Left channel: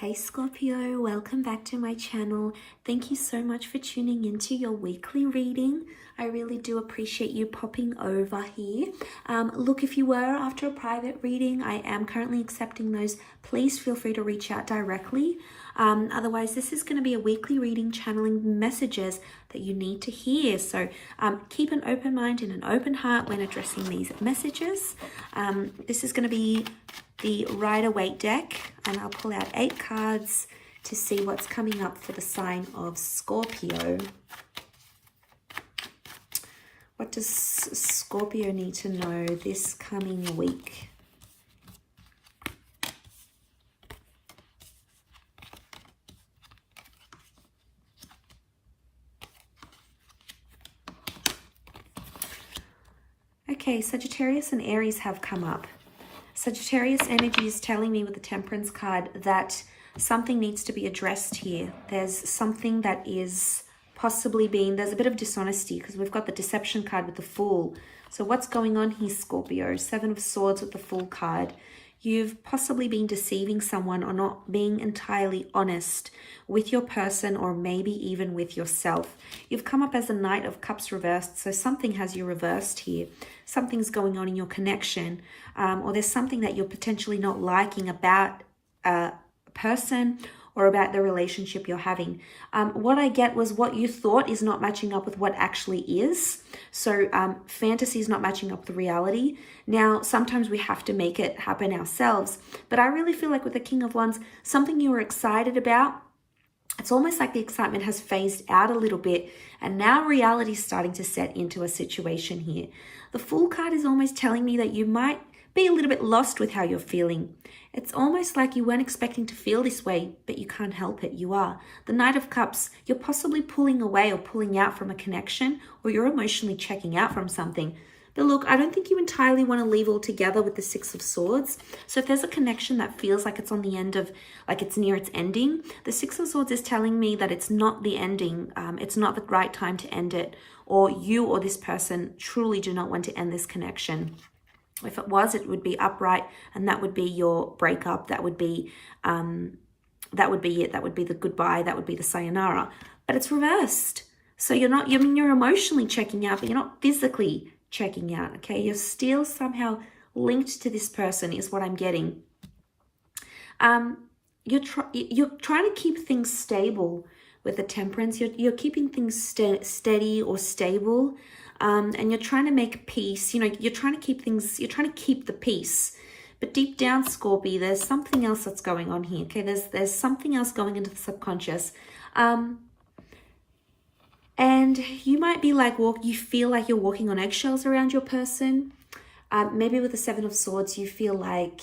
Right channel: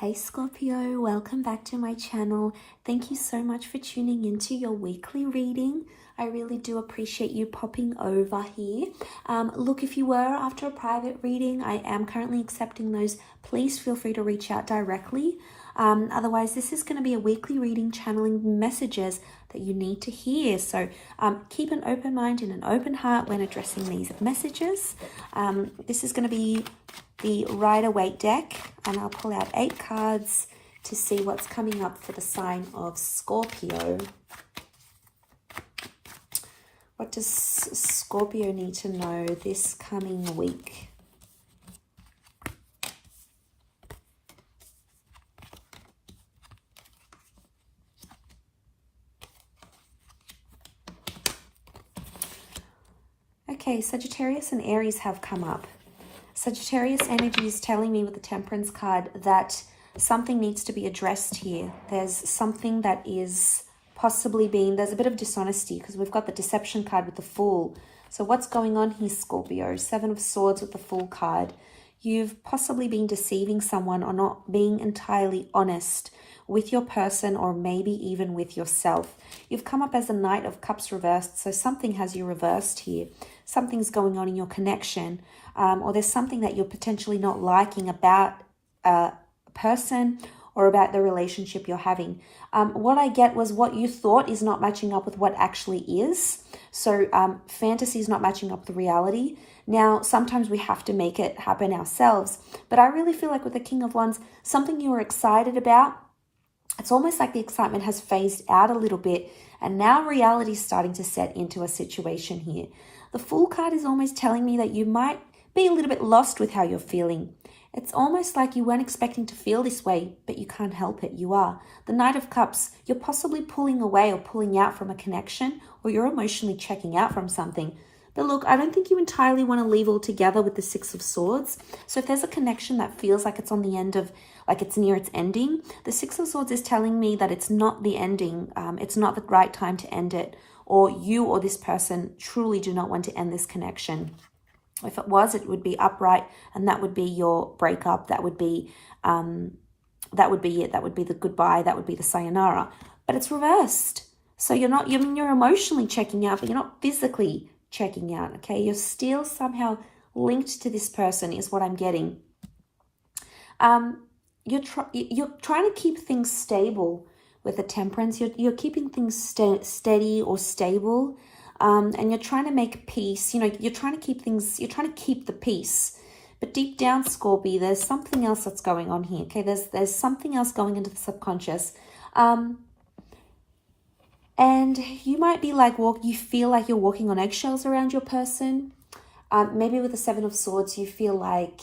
Hey Scorpio, welcome back to my channel. Thank you so much for tuning into your weekly reading. I really do appreciate you popping over here. Look, if you were after a private reading, I am currently accepting those. Please feel free to reach out directly. Otherwise, this is going to be a weekly reading channeling messages that you need to hear. So keep an open mind and an open heart when addressing these messages. This is going to be the Rider-Waite deck, and I'll pull out 8 cards to see what's coming up for the sign of Scorpio. What does Scorpio need to know this coming week? Okay, Sagittarius and Aries have come up. Sagittarius energy is telling me with the Temperance card that something needs to be addressed here. There's something that is possibly there's a bit of dishonesty because we've got the Deception card with the Fool. So what's going on here, Scorpio? 7 of Swords with the Fool card. You've possibly been deceiving someone or not being entirely honest with your person or maybe even with yourself. You've come up as a Knight of Cups reversed, so something has you reversed here. Something's going on in your connection, or there's something that you're potentially not liking about a person or about the relationship you're having. What I get was what you thought is not matching up with what actually is. So fantasy is not matching up with reality. Now, sometimes we have to make it happen ourselves. But I really feel like with the King of Wands, something you were excited about, it's almost like the excitement has phased out a little bit. And now reality is starting to set into a situation here. The Fool card is almost telling me that you might be a little bit lost with how you're feeling. It's almost like you weren't expecting to feel this way, but you can't help it. You are. The Knight of Cups, you're possibly pulling away or pulling out from a connection, or you're emotionally checking out from something. But look, I don't think you entirely want to leave altogether with the 6 of Swords. So if there's a connection that feels like it's on the end of, like it's near its ending, the 6 of Swords is telling me that it's not the ending. It's not the right time to end it. Or you or this person truly do not want to end this connection. If it was, it would be upright, and that would be your breakup. That would be it. That would be the goodbye. That would be the sayonara. But it's reversed. So you're emotionally checking out, but you're not physically checking out. Okay, you're still somehow linked to this person, is what I'm getting. You're trying to keep things stable with the Temperance. You're keeping things steady or stable. And you're trying to make peace. You're trying to keep the peace. But deep down, Scorpio, there's something else that's going on here. Okay, there's something else going into the subconscious. And you might be like, you feel like you're walking on eggshells around your person. Maybe with the 7 of Swords, you feel like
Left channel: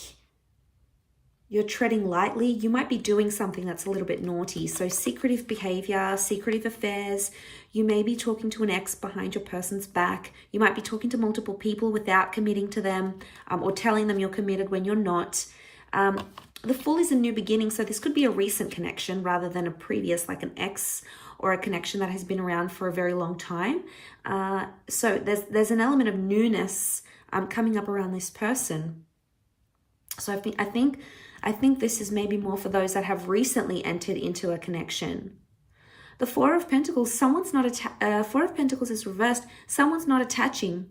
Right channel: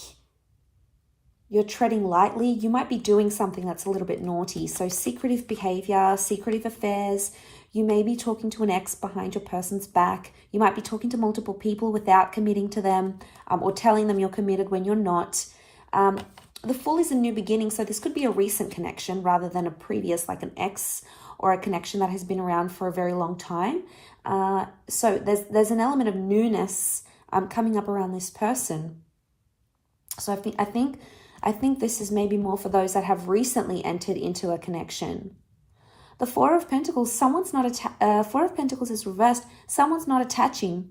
you're treading lightly. You might be doing something that's a little bit naughty. So secretive behavior, secretive affairs. You may be talking to an ex behind your person's back. You might be talking to multiple people without committing to them, or telling them you're committed when you're not. The Fool is a new beginning, so this could be a recent connection rather than a previous, like an ex or a connection that has been around for a very long time. So there's an element of newness coming up around this person. So I think this is maybe more for those that have recently entered into a connection. The 4 of Pentacles, 4 of Pentacles is reversed. Someone's not attaching.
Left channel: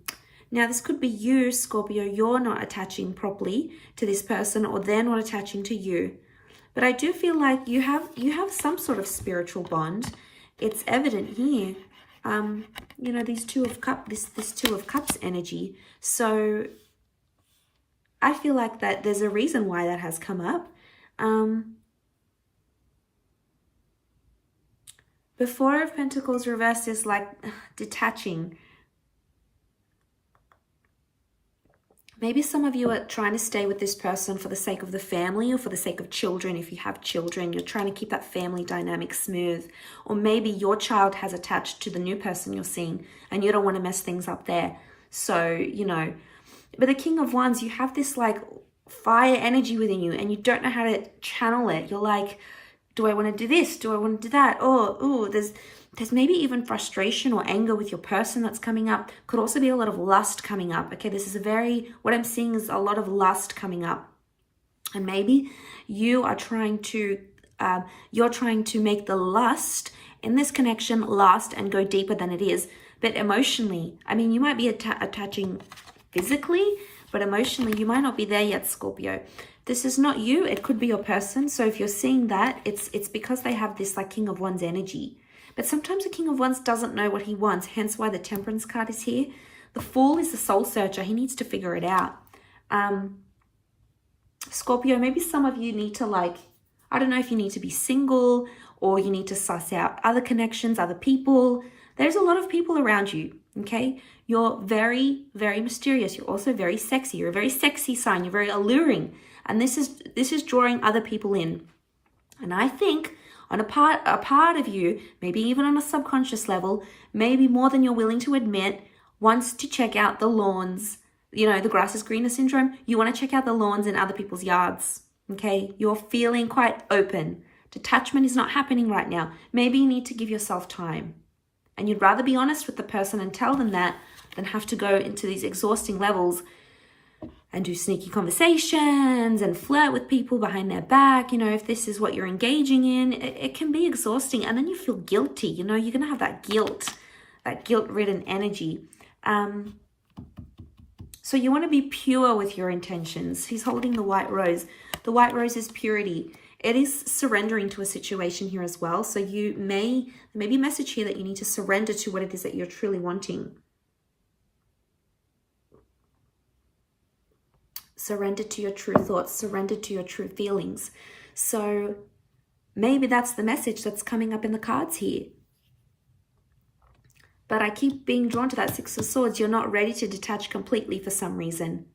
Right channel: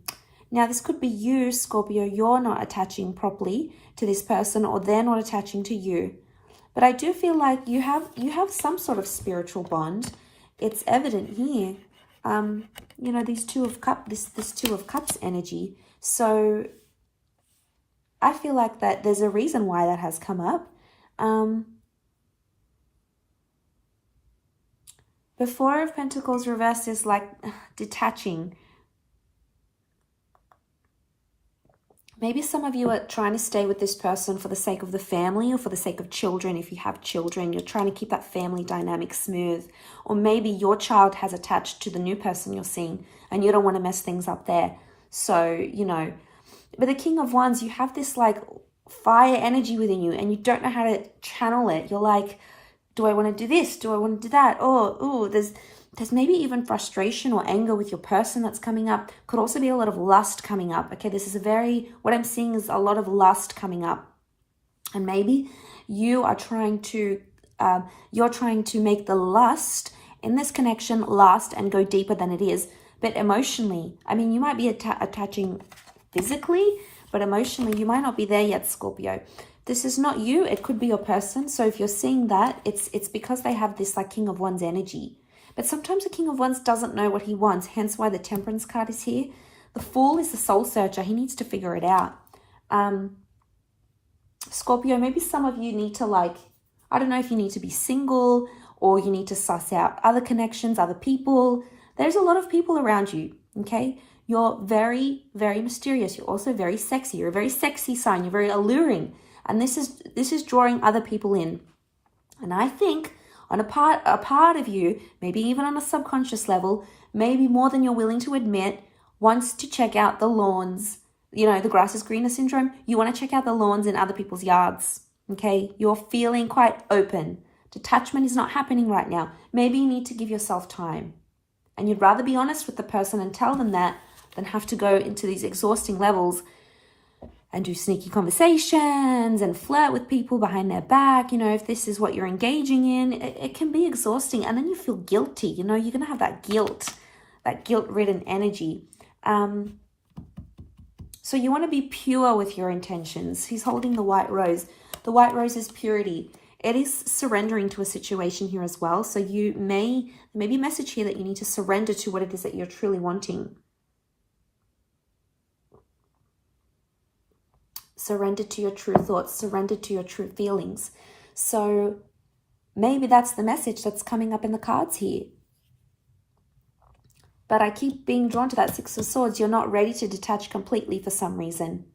Now, this could be you, Scorpio. You're not attaching properly to this person, or they're not attaching to you. But I do feel like you have some sort of spiritual bond. It's evident here. These 2 of Cups, this 2 of Cups energy. So I feel like that there's a reason why that has come up. The 4 of Pentacles reversed is like detaching. Maybe some of you are trying to stay with this person for the sake of the family or for the sake of children. If you have children, you're trying to keep that family dynamic smooth. Or maybe your child has attached to the new person you're seeing and you don't want to mess things up there. So, But the King of Wands, you have this like fire energy within you and you don't know how to channel it. You're like, do I want to do this? Do I want to do that? Oh, there's maybe even frustration or anger with your person that's coming up. Could also be a lot of lust coming up. Okay, what I'm seeing is a lot of lust coming up. And maybe you are trying to You're trying to make the lust in this connection last and go deeper than it is. But emotionally, I mean, you might be attaching physically, but emotionally, you might not be there yet, Scorpio. This is not you. It could be your person. So if you're seeing that, it's because they have this like King of Wands energy. But sometimes the King of Wands doesn't know what he wants, hence why the Temperance card is here. The Fool is the soul searcher. He needs to figure it out. Scorpio, maybe some of you need to like, I don't know if you need to be single or you need to suss out other connections, other people. There's a lot of people around you, okay? You're very, very mysterious. You're also very sexy. You're a very sexy sign. You're very alluring. And this is drawing other people in. And I think on a part of you, maybe even on a subconscious level, maybe more than you're willing to admit, wants to check out the lawns. You know, the grass is greener syndrome. You want to check out the lawns in other people's yards, okay? You're feeling quite open. Detachment is not happening right now. Maybe you need to give yourself time. And you'd rather be honest with the person and tell them that than have to go into these exhausting levels and do sneaky conversations and flirt with people behind their back. You know, if this is what you're engaging in, it can be exhausting. And then you feel guilty. You know, you're going to have that guilt-ridden energy. So you want to be pure with your intentions. He's holding the white rose. The white rose is purity. It is surrendering to a situation here as well. So you may be a message here that you need to surrender to what it is that you're truly wanting. Surrender to your true thoughts. Surrender to your true feelings. So maybe that's the message that's coming up in the cards here. But I keep being drawn to that Six of Swords. You're not ready to detach completely for some reason.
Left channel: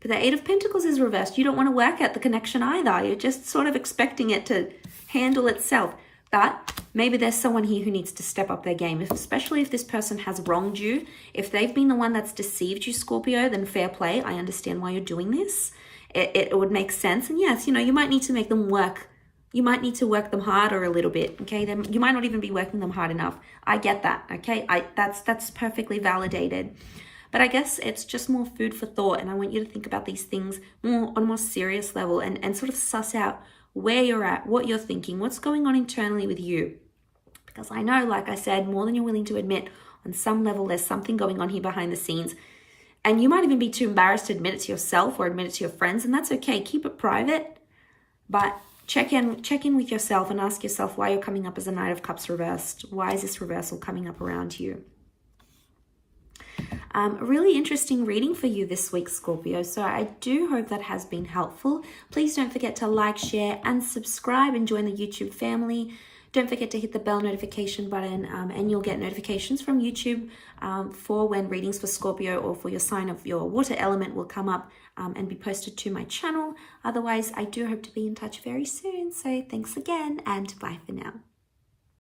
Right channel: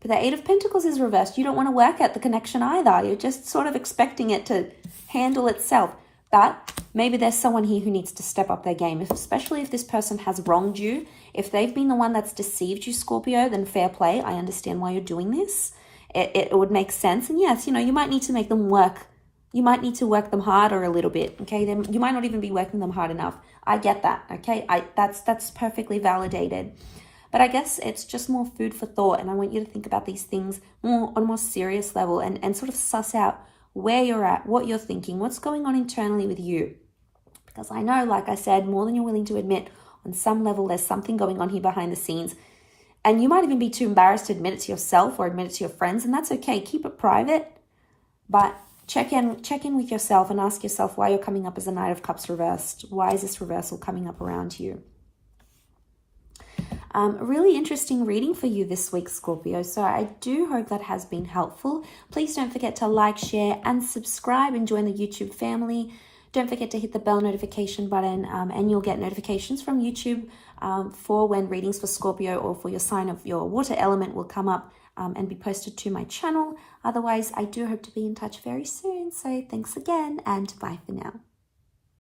But the Eight of Pentacles is reversed. You don't want to work at the connection either. You're just sort of expecting it to handle itself. But maybe there's someone here who needs to step up their game, especially if this person has wronged you. If they've been the one that's deceived you, Scorpio, then fair play. I understand why you're doing this. It would make sense. And yes, you know, you might need to make them work. You might need to work them harder a little bit, okay? Then you might not even be working them hard enough. I get that, okay? That's perfectly validated. But I guess it's just more food for thought. And I want you to think about these things on a more serious level and sort of suss out where you're at, what you're thinking, what's going on internally with you. Because I know, like I said, more than you're willing to admit, on some level, there's something going on here behind the scenes. And you might even be too embarrassed to admit it to yourself or admit it to your friends. And that's okay. Keep it private. But check in with yourself and ask yourself why you're coming up as a Knight of Cups reversed. Why is this reversal coming up around you? A really interesting reading for you this week, Scorpio. So I do hope that has been helpful. Please don't forget to like, share, and subscribe and join the YouTube family. Don't forget to hit the bell notification button and you'll get notifications from YouTube for when readings for Scorpio or for your sign of your water element will come up and be posted to my channel. Otherwise, I do hope to be in touch very soon. So thanks again and bye for now.